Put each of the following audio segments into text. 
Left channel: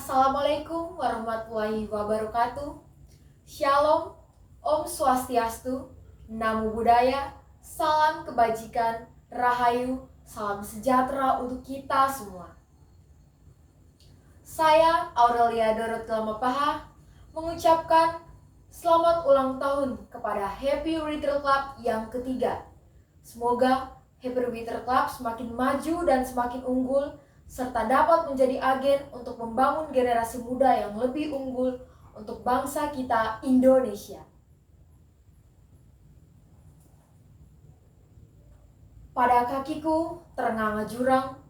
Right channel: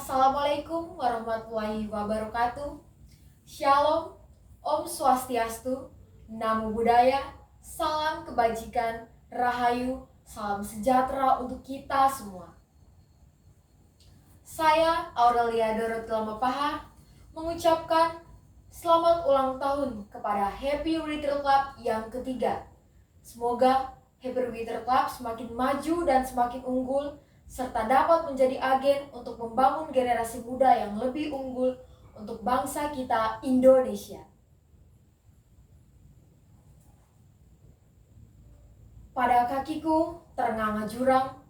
Assalamualaikum warahmatullahi wabarakatuh. Shalom, Om Swastiastu, Namo Buddhaya, salam kebajikan, rahayu, salam sejahtera untuk kita semua. Saya Aurelia Dorothea Mapaha mengucapkan selamat ulang tahun kepada Happy Writer Club yang ketiga. Semoga Happy Writer Club semakin maju dan semakin unggul, serta dapat menjadi agen untuk membangun generasi muda yang lebih unggul untuk bangsa kita Indonesia. Pada kakiku terenganga jurang,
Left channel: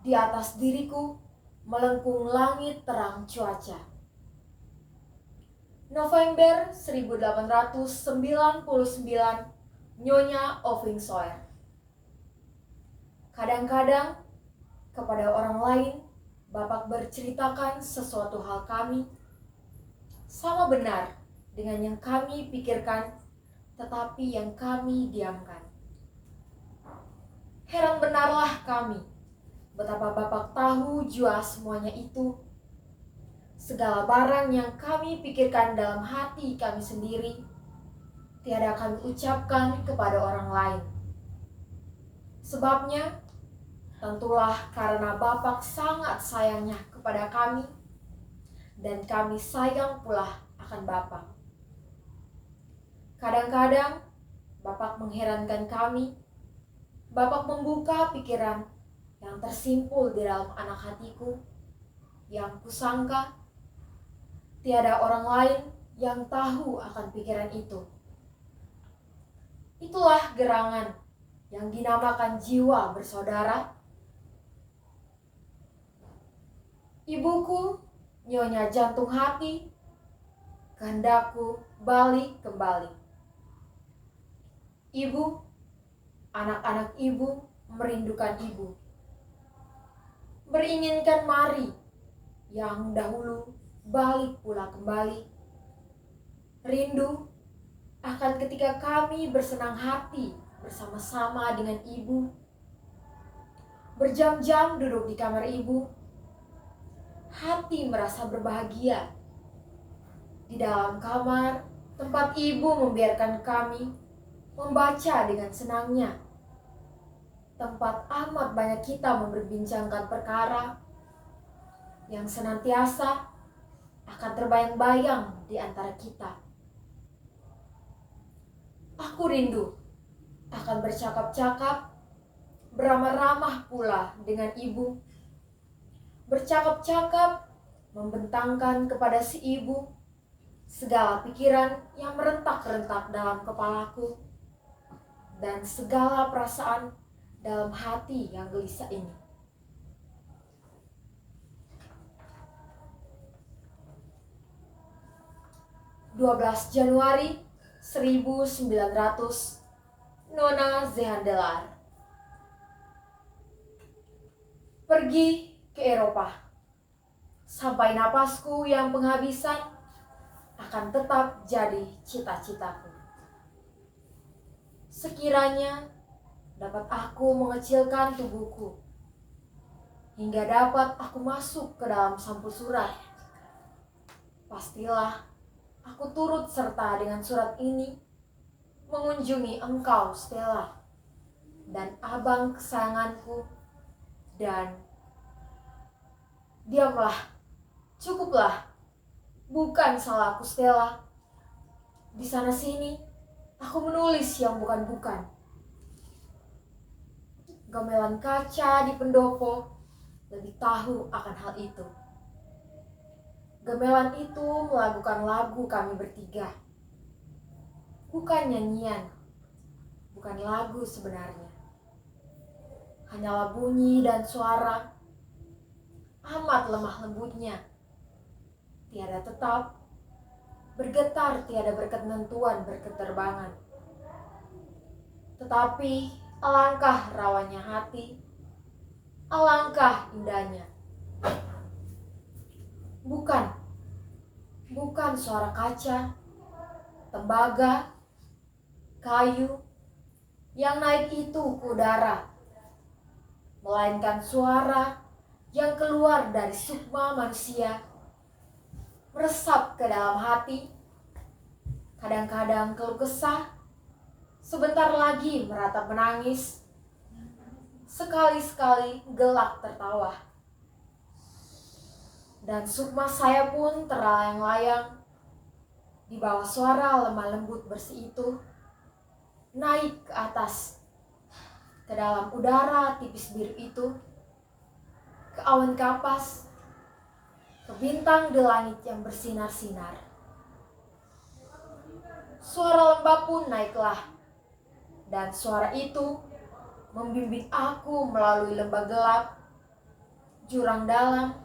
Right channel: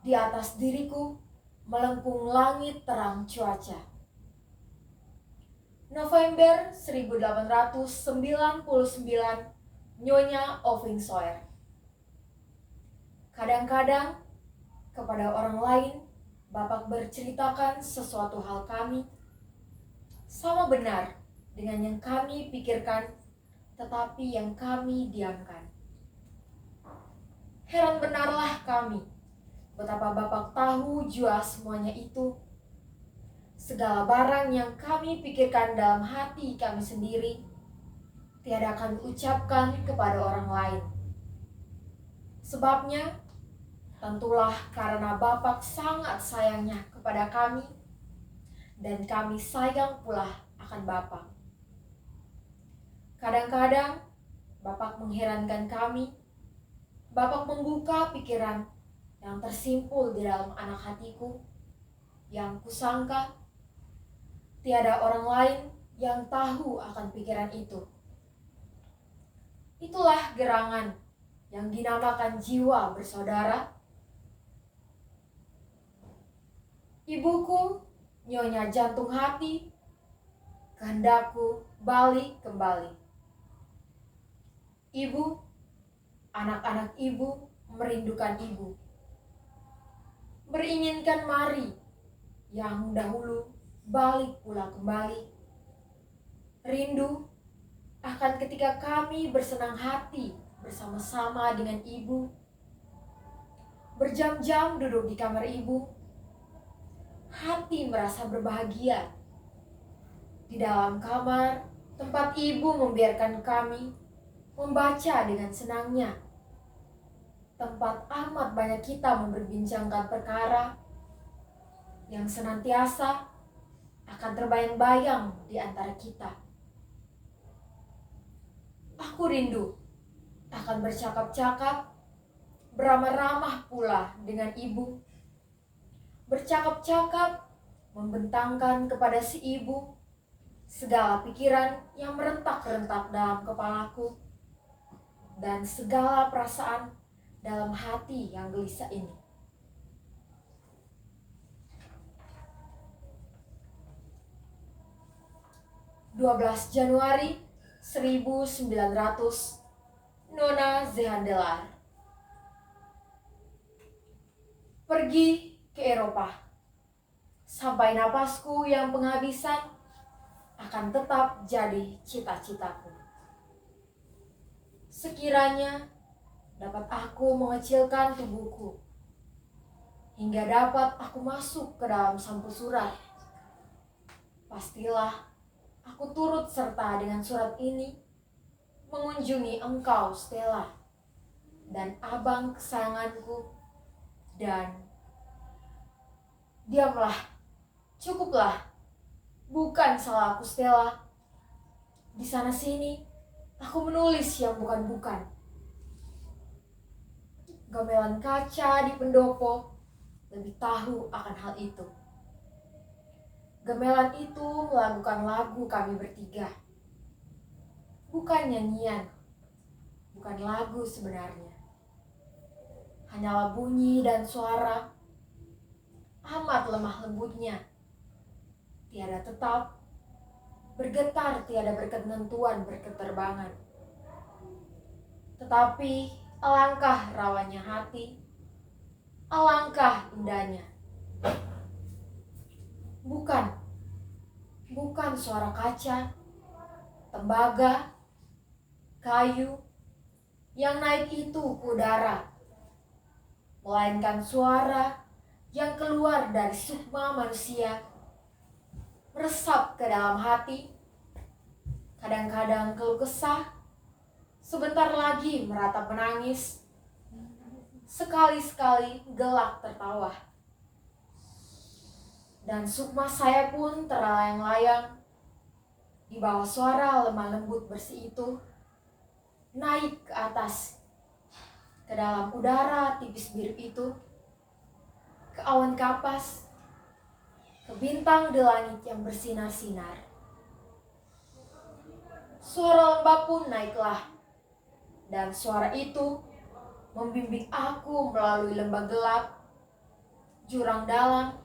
di atas diriku melengkung langit terang cuaca. November 1899, Nyonya Oving Soer. Kadang-kadang kepada orang lain, Bapak berceritakan sesuatu hal kami sama benar dengan yang kami pikirkan, tetapi yang kami diamkan. Heran benarlah kami, betapa Bapak tahu jua semuanya itu. Segala barang yang kami pikirkan dalam hati kami sendiri, tiada kami ucapkan kepada orang lain. Sebabnya, tentulah karena Bapak sangat sayangnya kepada kami, dan kami sayang pula akan Bapak. Kadang-kadang Bapak mengherankan kami. Bapak membuka pikiran yang tersimpul di dalam anak hatiku, yang kusangka tiada orang lain yang tahu akan pikiran itu. Itulah gerangan yang dinamakan jiwa bersaudara. Ibuku, Nyonya Jantung Hati, kehendakku balik kembali. Ibu, anak-anak ibu merindukan ibu. Beringinkan mari yang dahulu balik pula kembali. Rindu akan ketika kami bersenang hati bersama-sama dengan ibu. Berjam-jam duduk di kamar ibu. Hati merasa berbahagia. Di dalam kamar tempat ibu membiarkan kami membaca dengan senangnya. Tempat amat banyak kita memperbincangkan perkara yang senantiasa akan terbayang-bayang di antara kita. Aku rindu akan bercakap-cakap, beramah-ramah pula dengan ibu. Bercakap-cakap, membentangkan kepada si ibu segala pikiran yang merentak-rentak dalam kepalaku dan segala perasaan dalam hati yang gelisah ini. Januari 1900, Nona Zehandelar. Pergi ke Eropa. Sampai napasku yang penghabisan akan tetap jadi cita-citaku. Sekiranya dapat aku mengecilkan tubuhku hingga dapat aku masuk ke dalam sampul surat, pastilah aku turut serta dengan surat ini mengunjungi engkau, Stella, dan abang kesayanganku. Dan diamlah, cukuplah, bukan salah aku, Stella. Di sana sini aku menulis yang bukan-bukan. Gamelan kaca di pendopo lebih tahu akan hal itu. Gamelan itu melakukan lagu kami bertiga. Bukan nyanyian, bukan lagu sebenarnya. Hanyalah bunyi dan suara, amat lemah lembutnya. Tiada tetap, bergetar tiada berketentuan berketerbangan. Tetapi alangkah rawanya hati, alangkah indahnya. Bukan suara kaca, tembaga, kayu yang naik itu ke udara, melainkan suara yang keluar dari sukma manusia meresap ke dalam hati. Kadang-kadang keluh kesah, sebentar lagi meratap menangis, sekali-sekali gelak tertawa. Dan sukma saya pun terlayang-layang di bawah suara lemah lembut bersih itu, naik ke atas, ke dalam udara tipis biru itu, ke awan kapas, ke bintang di langit yang bersinar-sinar. Suara lembah pun naiklah, dan suara itu membimbing aku melalui lembah gelap, jurang dalam,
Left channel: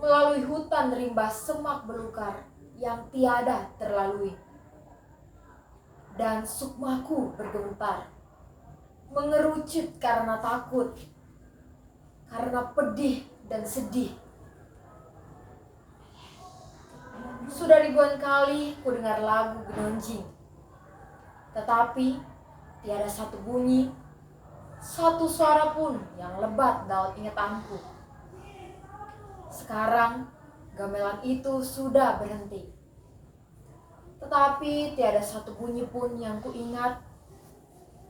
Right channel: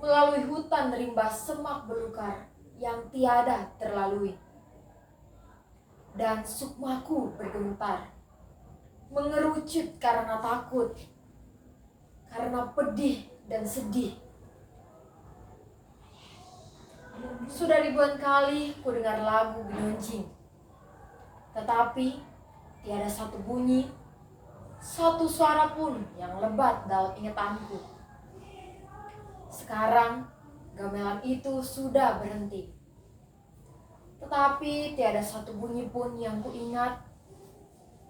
melalui hutan rimba semak belukar yang tiada terlalui. Dan sukmaku bergemetar, mengerucut karena takut, karena pedih dan sedih. Sudah ribuan kali ku dengar lagu genonjing, tetapi tiada satu bunyi, satu suara pun yang lebat dalam ingatanku. Sekarang gamelan itu sudah berhenti, tetapi tiada satu bunyi pun yang ku ingat.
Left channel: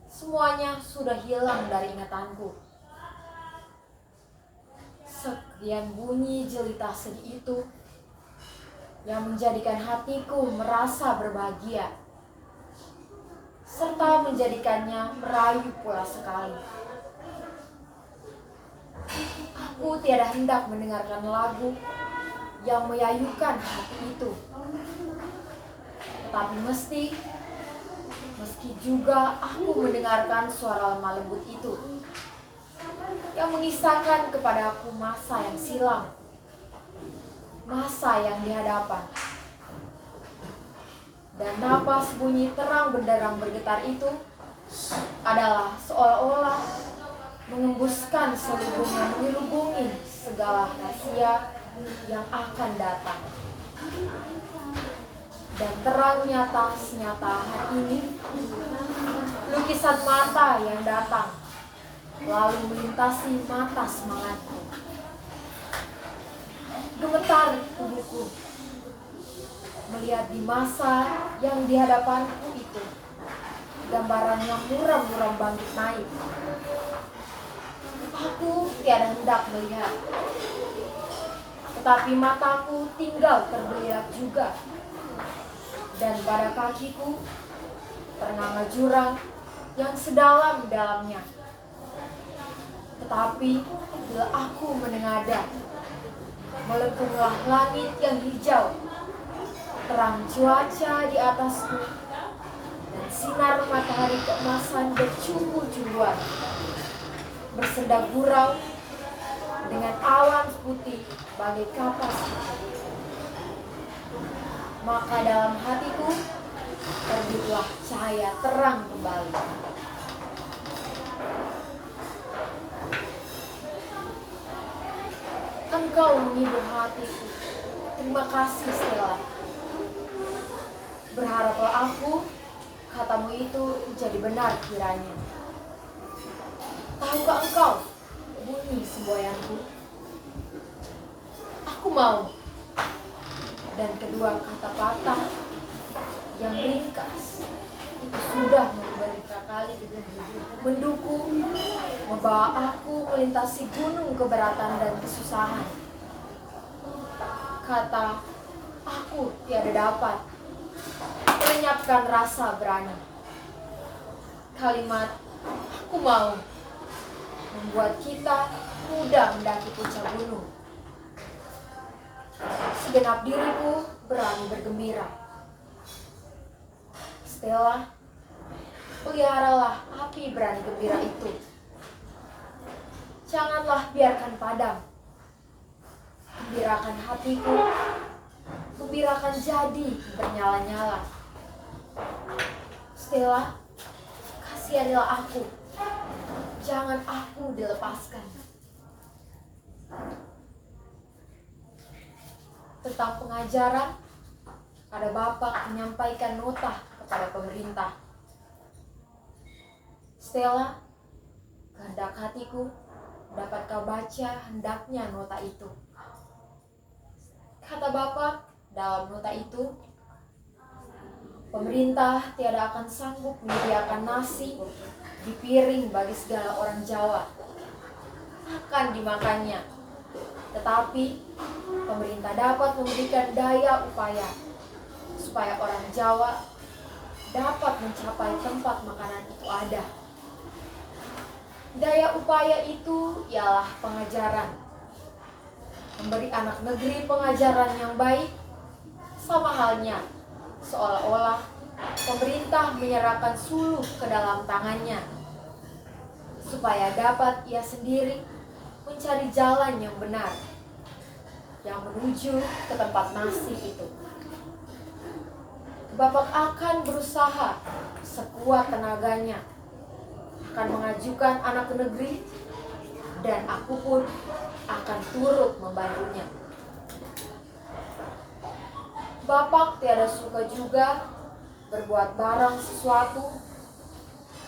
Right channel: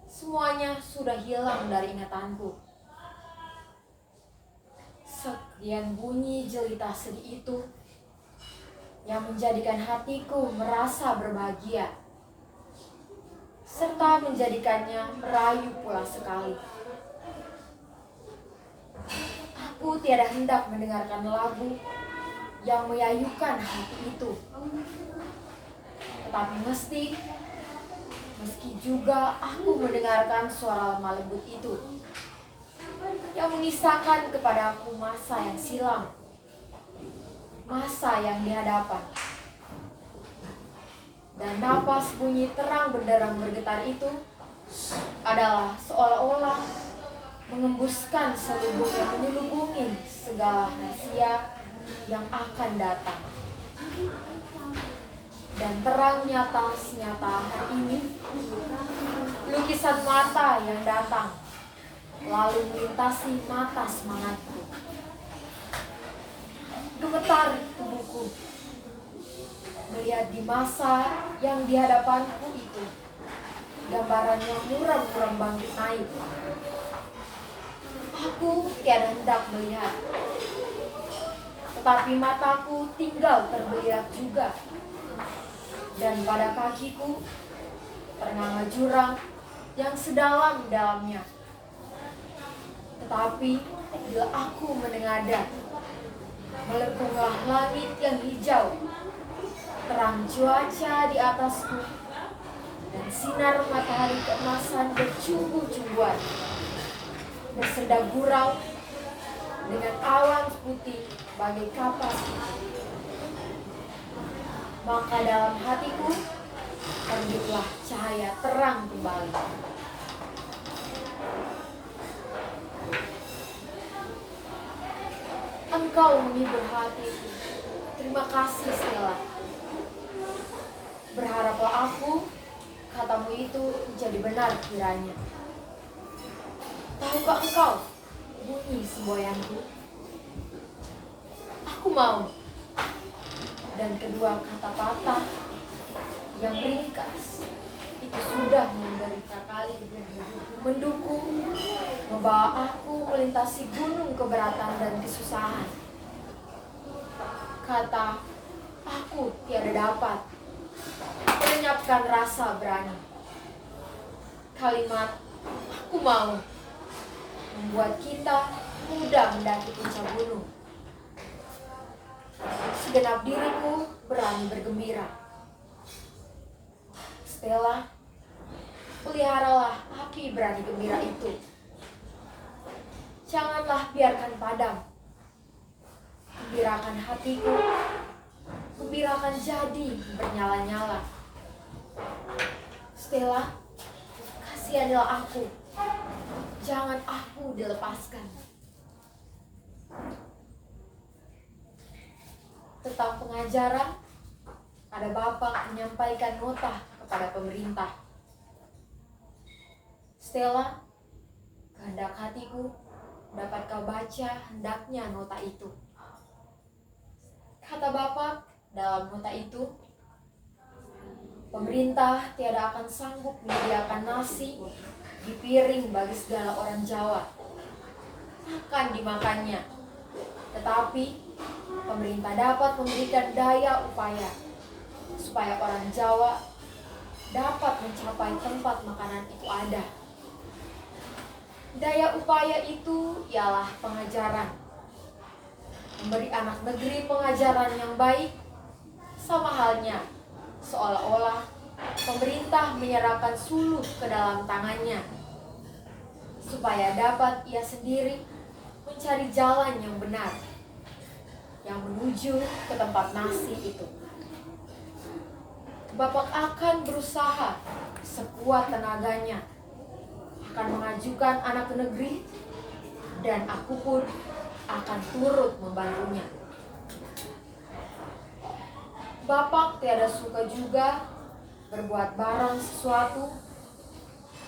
Semuanya sudah hilang dari ingatanku. Sekian bunyi jelita sedih itu yang menjadikan hatiku merasa berbahagia, serta menjadikannya merayu pula sekali. Aku tiada hendak mendengarkan lagu yang menyayukan hati itu, tetapi meski juga aku mendengarkan suara lemah lembut itu yang mengisahkan kepada aku masa yang silam, masa yang di hadapan. Dan napas bunyi terang benderang bergetar itu adalah seolah-olah mengembuskan selubung yang menyelubungi segala rahasia yang akan datang. Dan terang nyata hari ini, lukisan mata yang datang lalu melintasi mata semangatku. Gemetar tubuhku melihat di masa yang di hadapanku itu gambaran yang muram-muram bangkit naik. Aku tiada hendak melihat, tetapi mataku tinggal terbeliak juga, dan pada kakiku ternama jurang yang sedalam-dalamnya. Tetapi bila aku menengadah, melengkunglah langit yang hijau, terang cuaca di atasku, dan sinar matahari keemasan bercumbu-cumbuan bersenda gurau dengan awan putih bagai kapas. Maka dalam hatiku terbitlah cahaya terang kembali. Engkau menghibur hatiku. Terima kasih, Stella. Berharaplah aku, katamu itu menjadi benar kiranya. Tahukah engkau bunyi semboyanku? Aku mau. Dan kedua kata patah yang ringkas itu sudah beberapa kali mendukung, membawa aku melintasi gunung keberatan dan kesusahan. Kata aku tiada dapat melenyapkan rasa berani. Kalimat aku mau membuat kita mudah mendaki puncak gunung. Segenap diriku berani bergembira. Stella, peliharalah api berani gembira itu. Janganlah biarkan padam. Gembirakan hatiku, gembirakan jadi bernyala-nyala. Stella, kasihanilah aku. Jangan aku dilepaskan. Tetap pengajaran, ada bapak menyampaikan nota kepada pemerintah. Stella, kehendak hatiku, dapat kau baca hendaknya nota itu. Kata Bapak dalam nota itu, pemerintah tiada akan sanggup menyediakan nasi di piring bagi segala orang Jawa akan dimakannya. Tetapi pemerintah dapat memberikan daya upaya supaya orang Jawa dapat mencapai tempat makanan itu ada. Daya upaya itu ialah pengajaran. Memberi anak negeri pengajaran yang baik, sama halnya seolah-olah pemerintah menyerahkan suluh ke dalam tangannya, supaya dapat ia sendiri mencari jalan yang benar, yang menuju ke tempat nasi itu. Bapak akan berusaha sekuat tenaganya, akan mengajukan anak ke negeri, dan aku pun akan turut membantunya. Bapak tiada suka juga berbuat barang sesuatu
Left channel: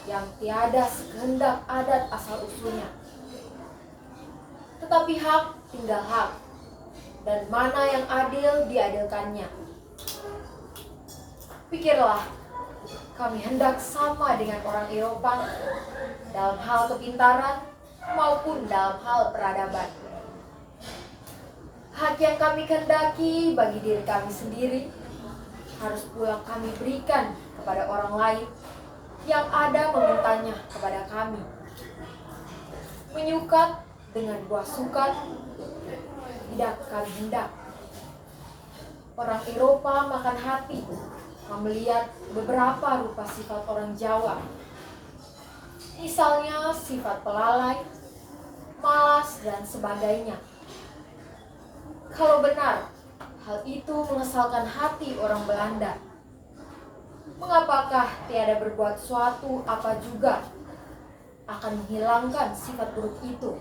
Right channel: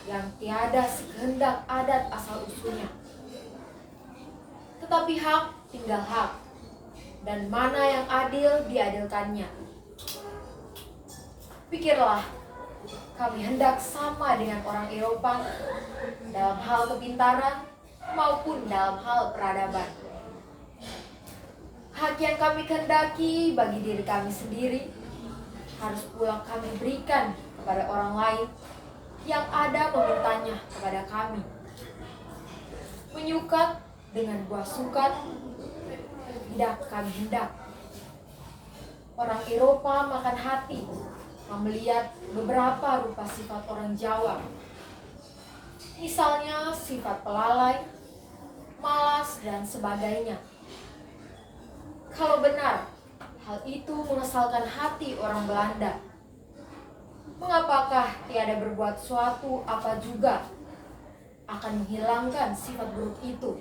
yang tiada sekehendak adat asal-usulnya. Tetapi hak tinggal hak, dan mana yang adil diadilkannya. Pikirlah, kami hendak sama dengan orang Eropa dalam hal kepintaran maupun dalam hal peradaban. Hak yang kami kehendaki bagi diri kami sendiri harus pula kami berikan kepada orang lain yang ada memintanya kepada kami. Menyukat dengan buah sukat tidak kami hendak. Orang Eropa makan hati melihat beberapa rupa sifat orang Jawa. Misalnya sifat pelalai, malas, dan sebagainya. Kalau benar hal itu mengesalkan hati orang Belanda, mengapakah tiada berbuat suatu apa juga akan menghilangkan sifat buruk itu?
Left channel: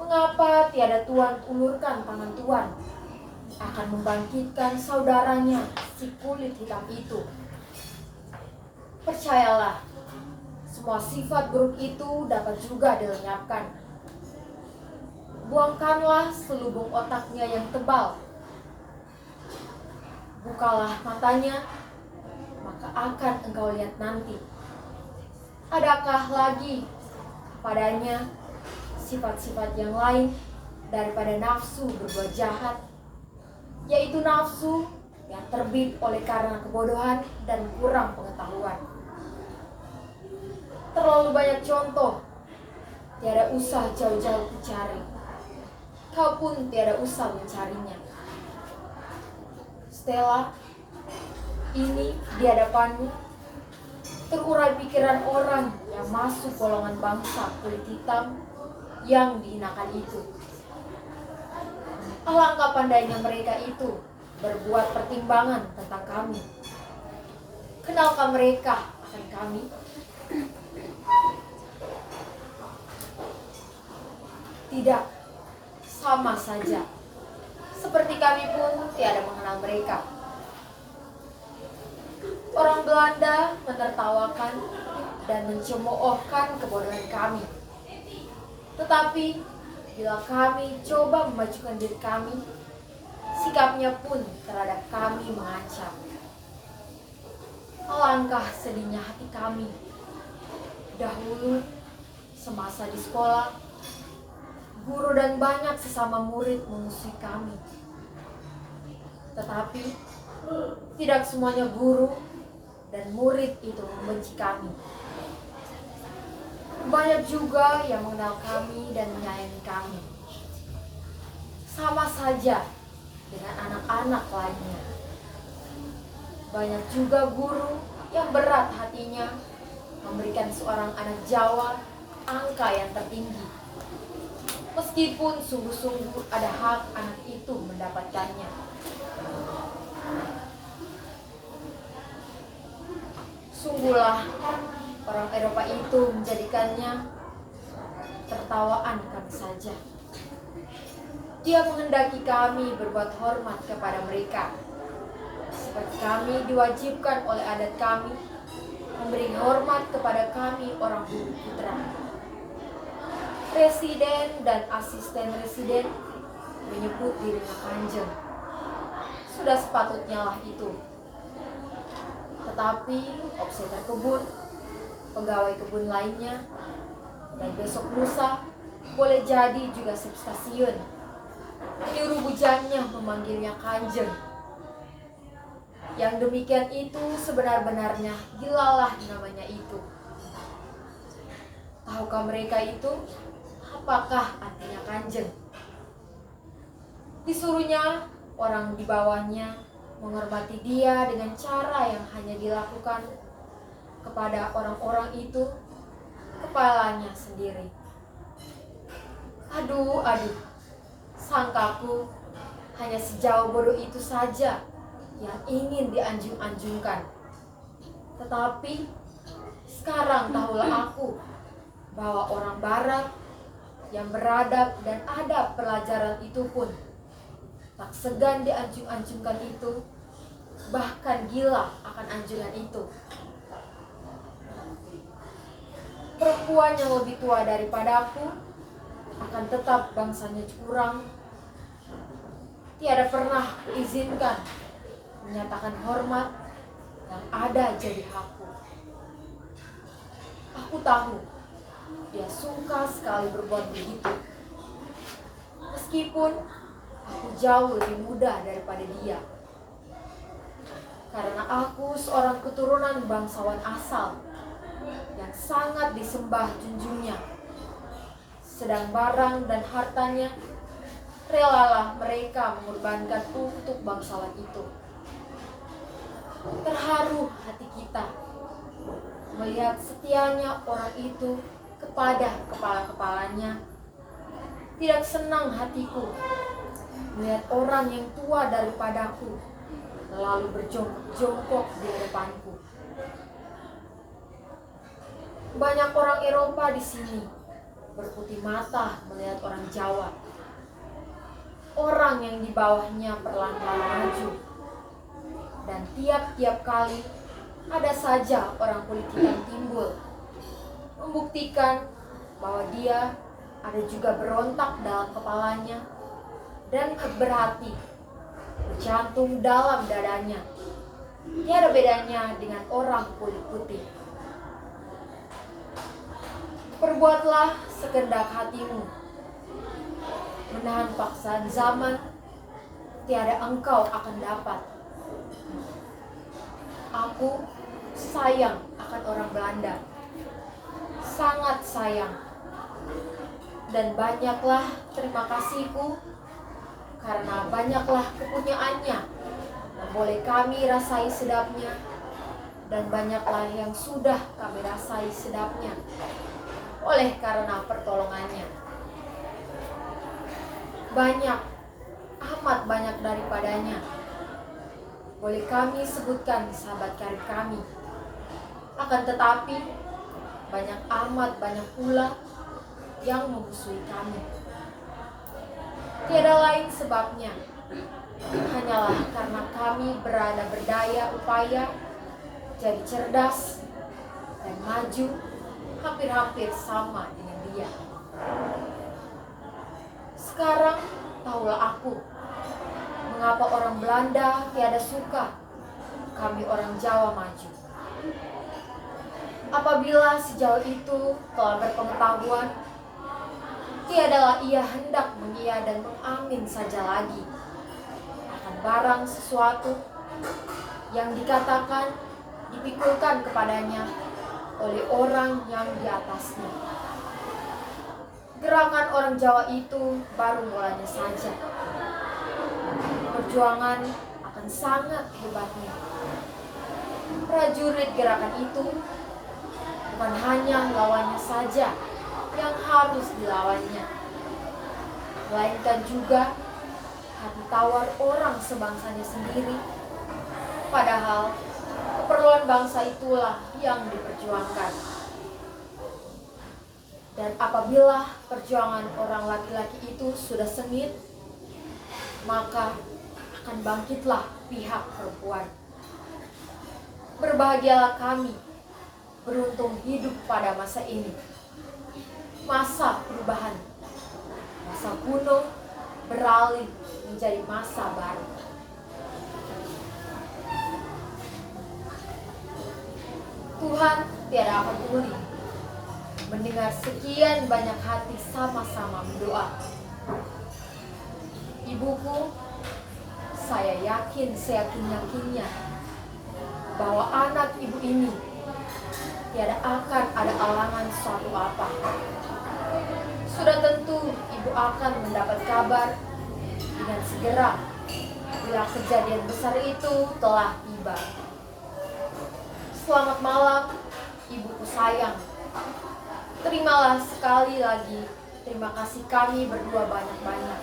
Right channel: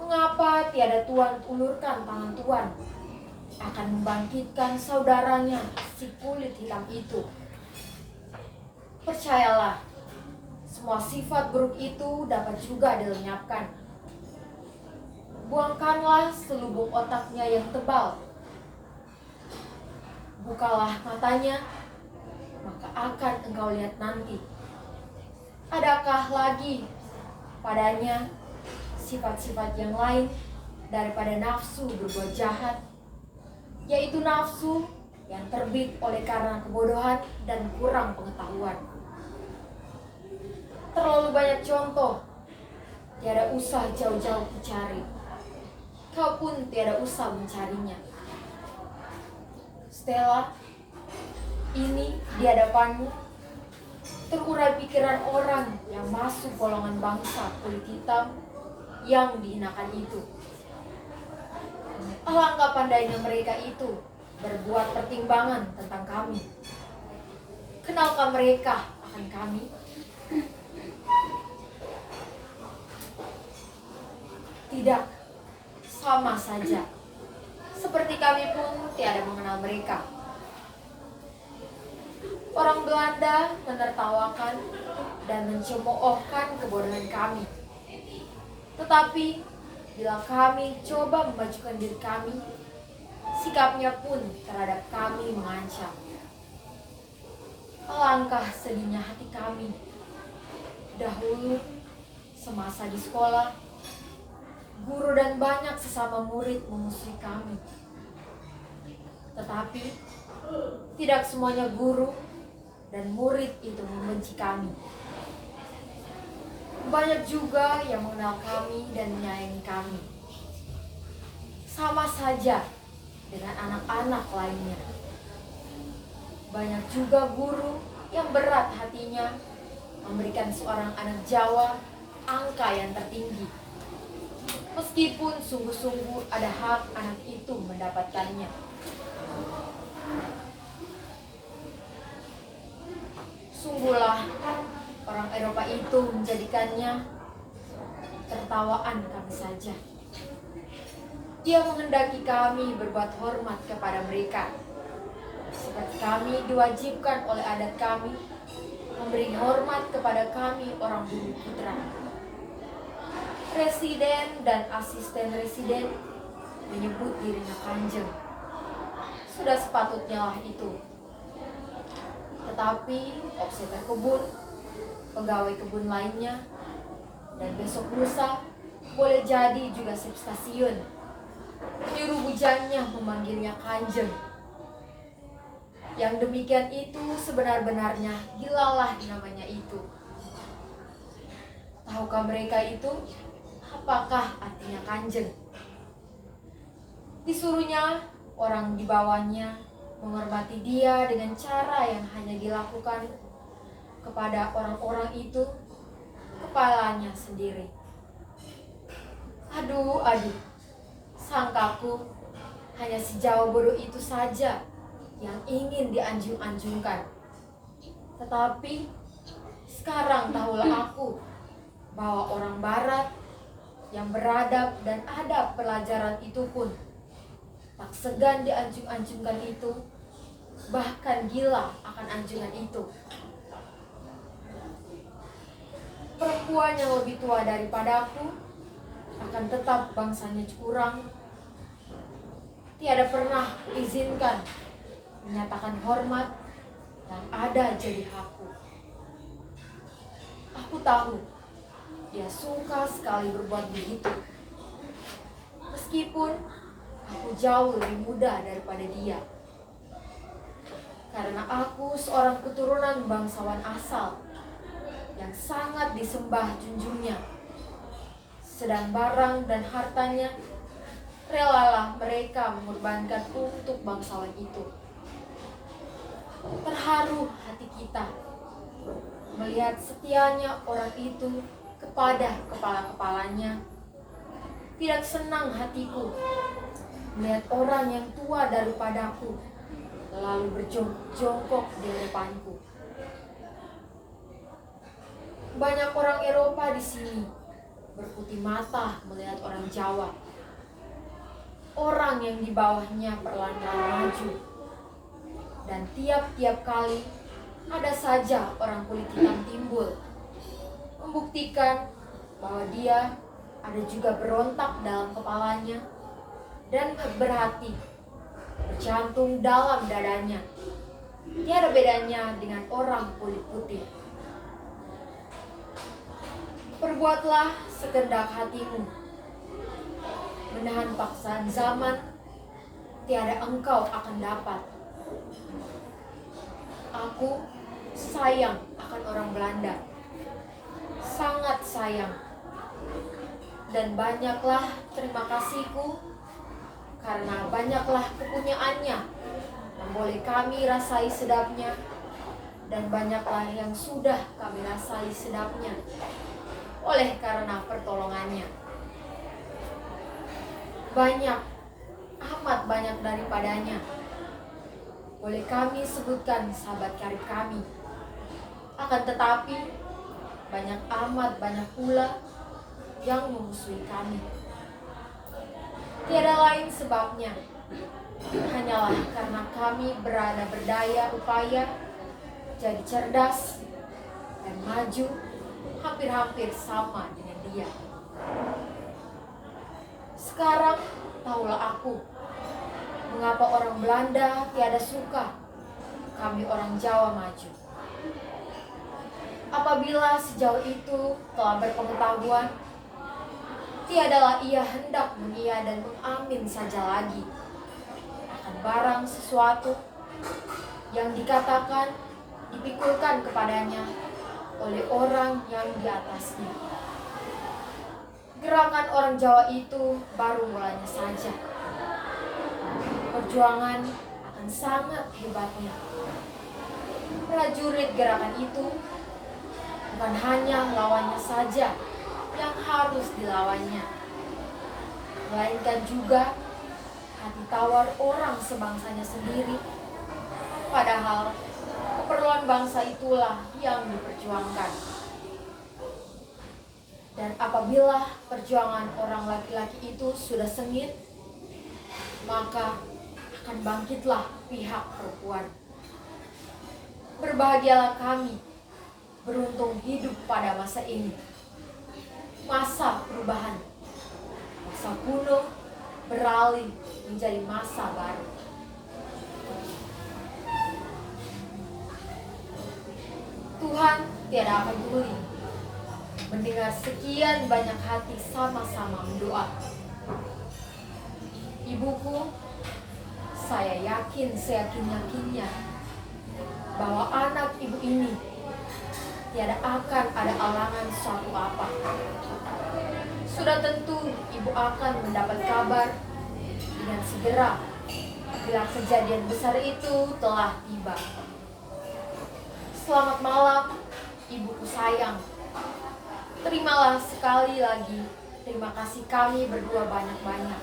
Mengapa tiada Tuan ulurkan tangan Tuan akan membangkitkan saudaranya si kulit hitam itu? Percayalah, semua sifat buruk itu dapat juga dilenyapkan. Buangkanlah selubung otaknya yang tebal. Bukalah matanya, maka akan engkau lihat nanti. Adakah lagi padanya sifat-sifat yang lain daripada nafsu berbuat jahat, yaitu nafsu yang terbit oleh karena kebodohan dan kurang pengetahuan. Terlalu banyak contoh, tiada usah jauh-jauh dicari. Kau pun tiada usah mencarinya. Stella, ini di hadapanmu terurai pikiran orang yang masuk golongan bangsa kulit hitam yang dihinakan itu. Alangkah pandainya mereka itu berbuat pertimbangan tentang kami. Kenalkah mereka akan kami? Tidak, sama saja. Seperti kami pun tiada mengenal mereka. Orang Belanda menertawakan dan mencemoohkan kebodohan kami. Tetapi bila kami coba memajukan diri kami, sikapnya pun terhadap kami mengancam. Alangkah sedihnya hati kami. Dahulu, semasa di sekolah, guru dan banyak sesama murid memusuhi kami. Tetapi tidak semuanya guru dan murid itu membenci kami. Banyak juga yang mengenal kami dan menyayangi kami. Sama saja dengan anak-anak lainnya. Banyak juga guru yang berat hatinya memberikan seorang anak Jawa angka yang tertinggi, meskipun sungguh-sungguh ada hak anak itu mendapatkannya. Sungguhlah orang Eropa itu menjadikannya tertawaan kami saja. Dia menghendaki kami berbuat hormat kepada mereka, seperti kami diwajibkan oleh adat kami memberi hormat kepada kami orang bumi putra. Presiden dan asisten residen menyebut dirinya kanjeng. Sudah sepatutnya lah itu. Tetapi operator kebun, pegawai kebun lainnya, dan besok lusa boleh jadi juga stasiun menyuruh bujangnya memanggilnya kanjeng. Yang demikian itu sebenar-benarnya gilalah namanya itu. Tahukah mereka itu apakah artinya kanjeng? Disuruhnya orang di bawahnya menghormati dia dengan cara yang hanya dilakukan kepada orang-orang itu, kepalanya sendiri. Aduh, sangkaku hanya sejauh bodoh itu saja yang ingin dianjung-anjungkan. Tetapi sekarang tahulah aku bahwa orang barat yang beradab dan adab pelajaran itu pun tak segan dianjung-anjungkan itu, bahkan gila akan anjungan itu. Perempuan yang lebih tua daripadaku akan tetap bangsanya kurang. Tiada pernah kuizinkan menyatakan hormat yang ada jadi hakku. Aku tahu dia suka sekali berbuat begitu. Meskipun aku jauh lebih muda daripada dia. Karena aku seorang keturunan bangsawan asal yang sangat disembah junjungnya. Sedang barang dan hartanya relalah mereka mengorbankan untuk bangsawan itu. Terharu hati kita melihat setianya orang itu kepada kepala-kepalanya. Tidak senang hatiku melihat orang yang tua daripadaku lalu berjongkok di hadapanku. Banyak orang Eropa di sini berputih mata melihat orang Jawa. Orang yang di bawahnya perlahan-lahan maju. Dan tiap-tiap kali ada saja orang kulit hitam timbul, membuktikan bahwa dia ada juga berontak dalam kepalanya dan berhati, berjantung dalam dadanya. Tiada bedanya dengan orang kulit putih. Perbuatlah sekehendak hatimu. Menahan paksaan zaman, tiada engkau akan dapat. Aku sayang akan orang Belanda. Sangat sayang. Dan banyaklah terima kasihku karena banyaklah kepunyaannya yang boleh kami rasai sedapnya, dan banyaklah yang sudah kami rasai sedapnya oleh karena pertolongannya. Banyak, amat banyak daripadanya boleh kami sebutkan sahabat karib kami. Akan tetapi banyak amat banyak pula yang memusuhi kami. Tiada lain sebabnya, hanyalah karena kami berada berdaya upaya jadi cerdas dan maju hampir-hampir sama dengan dia. Sekarang tahulah aku mengapa orang Belanda tiada suka kami orang Jawa maju. Apabila sejauh itu telah berpengetahuan, tiadalah ia hendak mengiya dan mengamin saja lagi akan barang sesuatu yang dikatakan, dipikulkan kepadanya oleh orang yang di atasnya. Gerakan orang Jawa itu baru mulanya saja. Perjuangan akan sangat hebatnya. Prajurit gerakan itu bukan hanya lawannya saja yang harus dilawannya, melainkan juga hati tawar orang sebangsanya sendiri. Padahal keperluan bangsa itulah yang diperjuangkan. Dan apabila perjuangan orang laki-laki itu sudah sengit, maka akan bangkitlah pihak perempuan. Berbahagialah kami, beruntung hidup pada masa ini. masa perubahan. Masa kuno beralih menjadi masa baru. Tuhan tiada peduli mendengar sekian banyak hati sama-sama berdoa. Ibuku, saya yakin seyakin-yakinnya bahwa anak ibu ini tiada akan ada alangan suatu apa. Sudah tentu ibu akan mendapat kabar dengan segera bila kejadian besar itu telah tiba. Selamat malam, ibuku sayang. Terimalah sekali lagi terima kasih kami berdua banyak-banyak.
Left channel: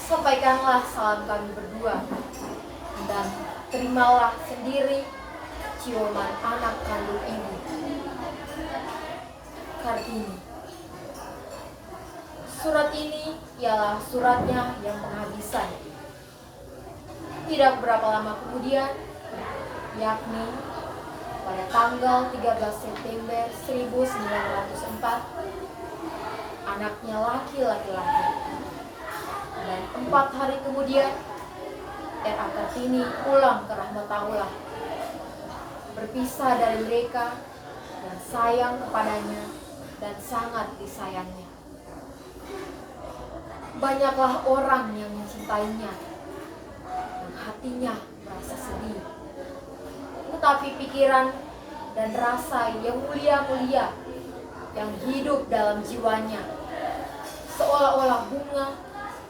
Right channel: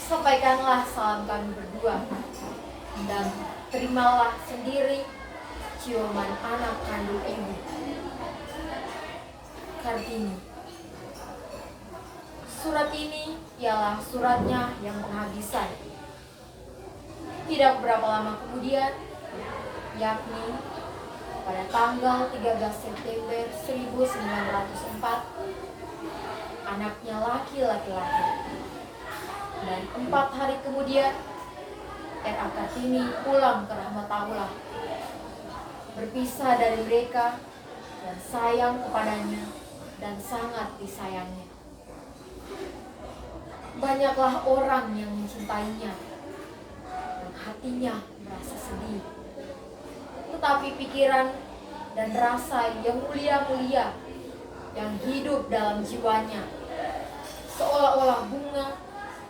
Sampaikanlah salam kami berdua. Dan terimalah sendiri ciuman anak kandung ibu. Kartini. Surat ini ialah suratnya yang penghabisan. Tidak berapa lama kemudian, yakni pada tanggal 13 September 1904, anaknya laki-laki. Dan 4 hari kemudian, R.A. Kartini pulang ke Rahmatullah, berpisah dari mereka dan sayang kepadanya dan sangat disayangnya. Banyaklah orang yang mencintainya dan hatinya merasa sedih. Tetapi pikiran dan rasa yang mulia-mulia yang hidup dalam jiwanya seolah-olah bunga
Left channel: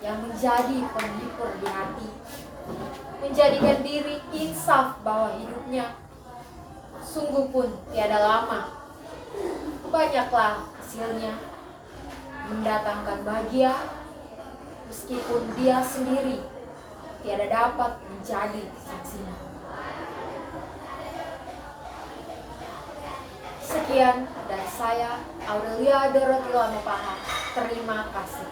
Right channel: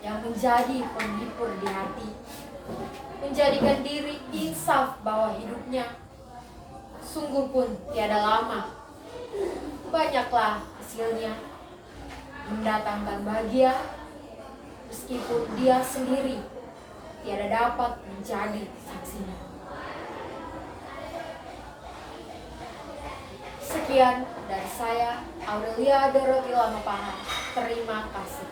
yang menjadi penghibur di hati, menjadikan diri insaf bahwa hidupnya sungguh pun tiada lama. Banyaklah hasilnya mendatangkan bahagia, meskipun dia sendiri tiada dapat menjadi saksinya. Sekian dari saya, Aurelia Dorothy Lamapaha. Terima kasih.